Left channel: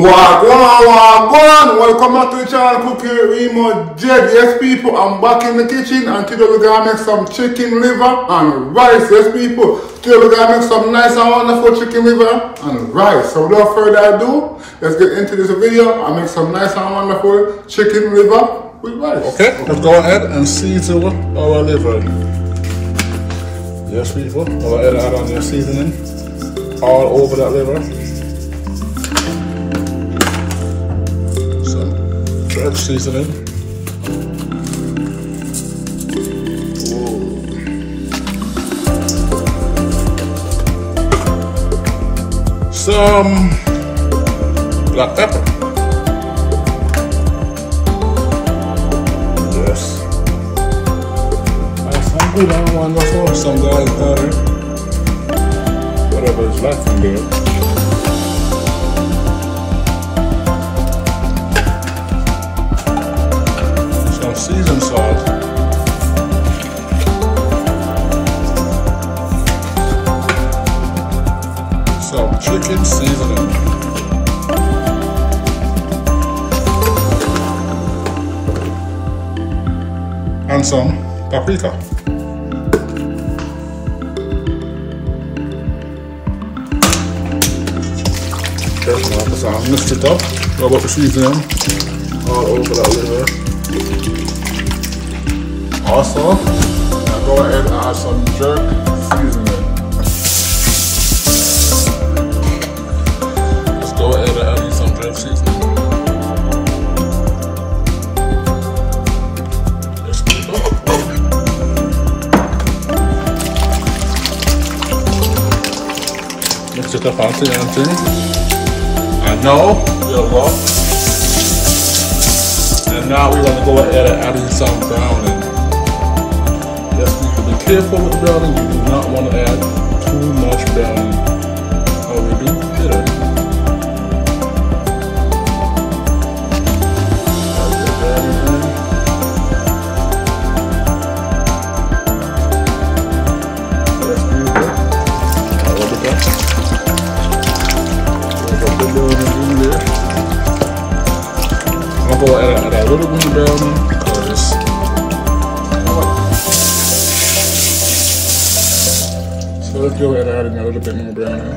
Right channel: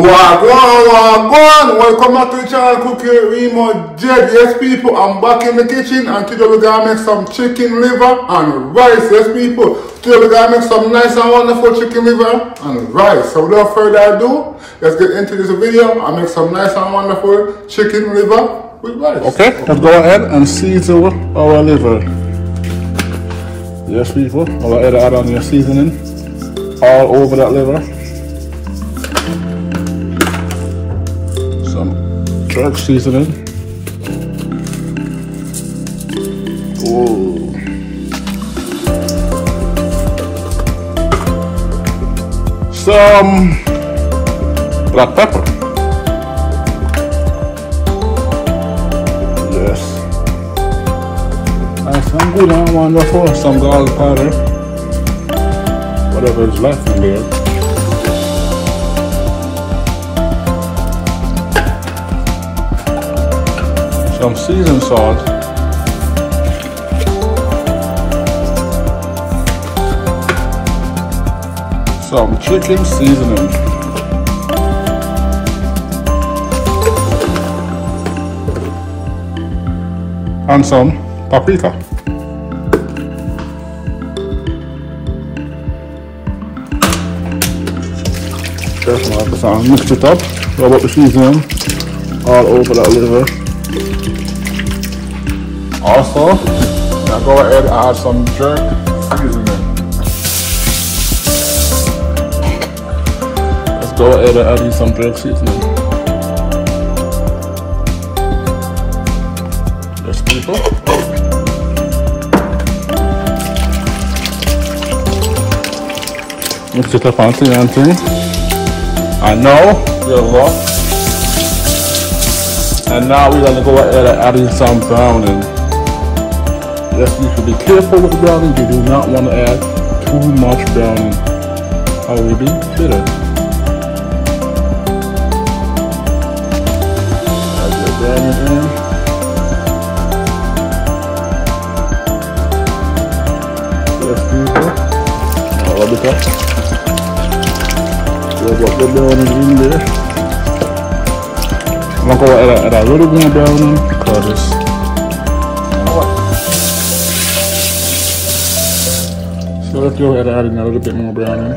Wagwan, welcome back to the channel Cooking Remodread. Yes people, I'm back in the kitchen and today we're gonna make some chicken liver and rice. Yes people, today we're gonna make some nice and wonderful chicken liver and rice. So without further ado, let's get into this video and make some nice and wonderful chicken liver with rice. Okay, let's go ahead and season our liver. Yes people, go ahead and add on your seasoning all over that liver. Drug seasoning. Whoa. Some black pepper. Yes. Some good and wonderful. Some garlic powder. Whatever is left in there. Some seasoned salt. Some chicken seasoning. And some paprika. Mix it up. Go about the seasoning all over that liver. Also, now go ahead and add some jerk seasoning. Let's go ahead and add in some jerk seasoning. Yes, people. Mix it up until and now we're going to go ahead and add in some browning. Yes, you should be careful with browning. You do not want to add too much browning. How we do it. I'm going to add a little bit of browning because it's so let's go ahead and add in a little bit more browning.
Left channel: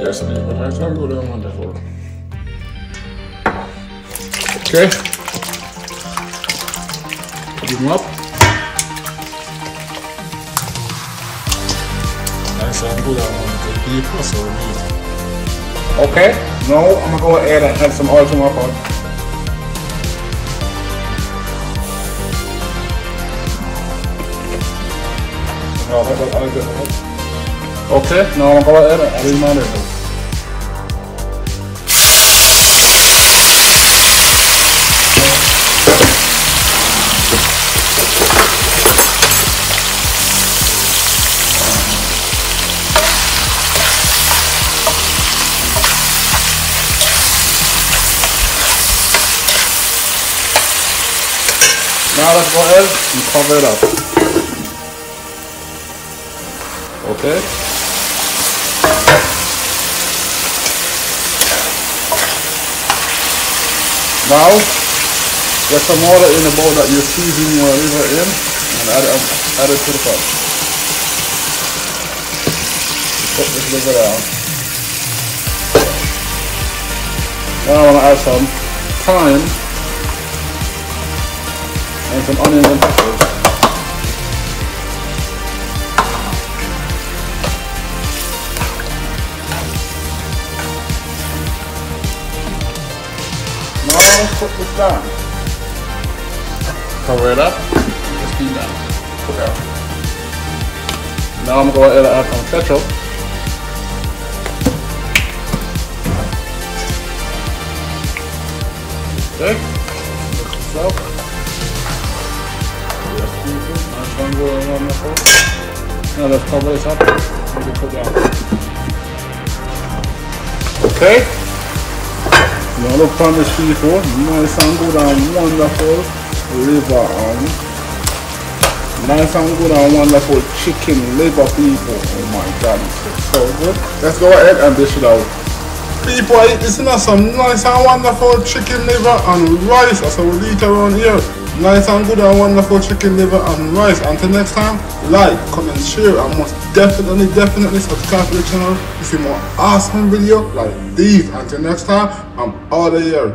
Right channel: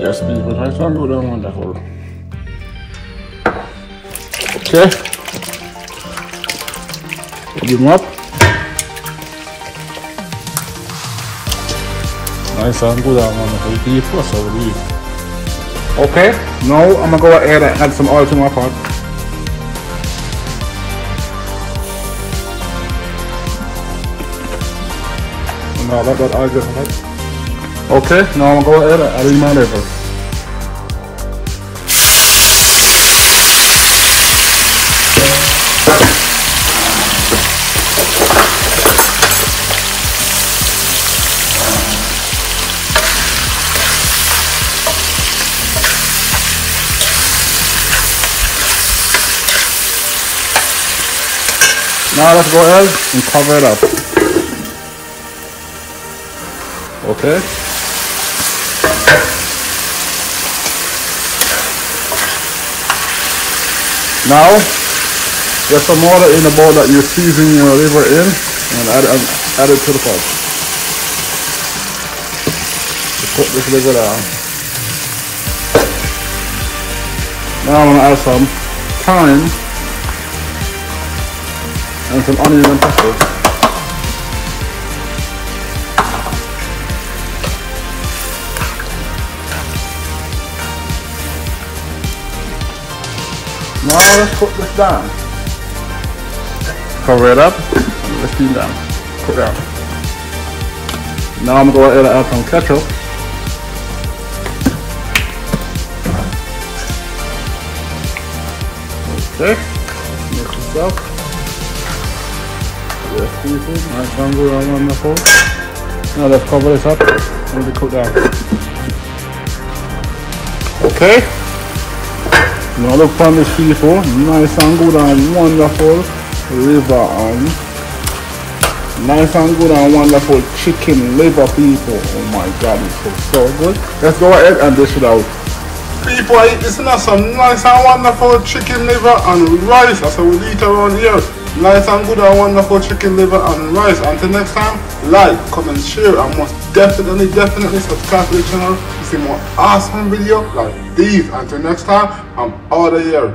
Yes, people, I can't go down on that hole. Okay. Put them up. Nice and good. Okay, now I'm gonna go ahead and add some oil to my pot. Now let that oil get hot. Okay, now I'm gonna go ahead and add Remodread. Now let's go ahead and cover it up. Okay. Now, get some water in the bowl that you're seasoning your liver in and add it to the pot. Put this liver down. Now I'm going to add some thyme and some onion and peppers. Now let's put this down. Cover it up. Just steam down. Put it out. Now I'm going to go ahead and add some ketchup. Okay. Mix this up. Now let's cover this up and cook down. Okay. Now look from the people, nice and good and wonderful liver on. Nice and good and wonderful chicken liver, people. Oh my god, it's so good. Let's go ahead and dish it out. People, I eat this in some nice and wonderful chicken liver and rice. That's how we eat around here. Nice and good and wonderful chicken liver and rice. Until next time, like, comment, share, and most definitely subscribe to the channel to see more awesome videos like these. Until next time, I'm out of here.